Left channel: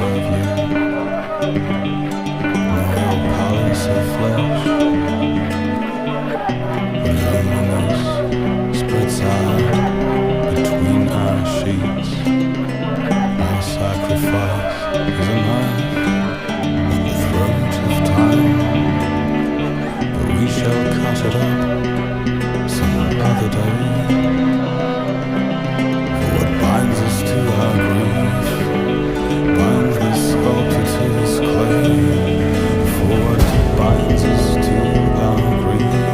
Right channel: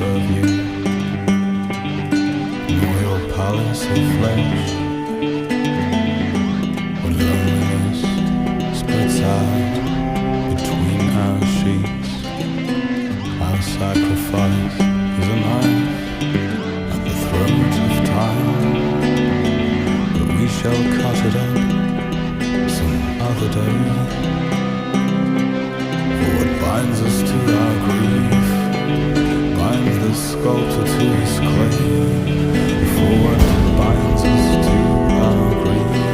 serve you, nor your palace of flesh. When loneliness spreads out between our sheets, our sacrifice is a knife at the throat of time. But we shall cut it up some other day. For what binds us to our grief binds the sculptor to his clay. For what binds us to our grief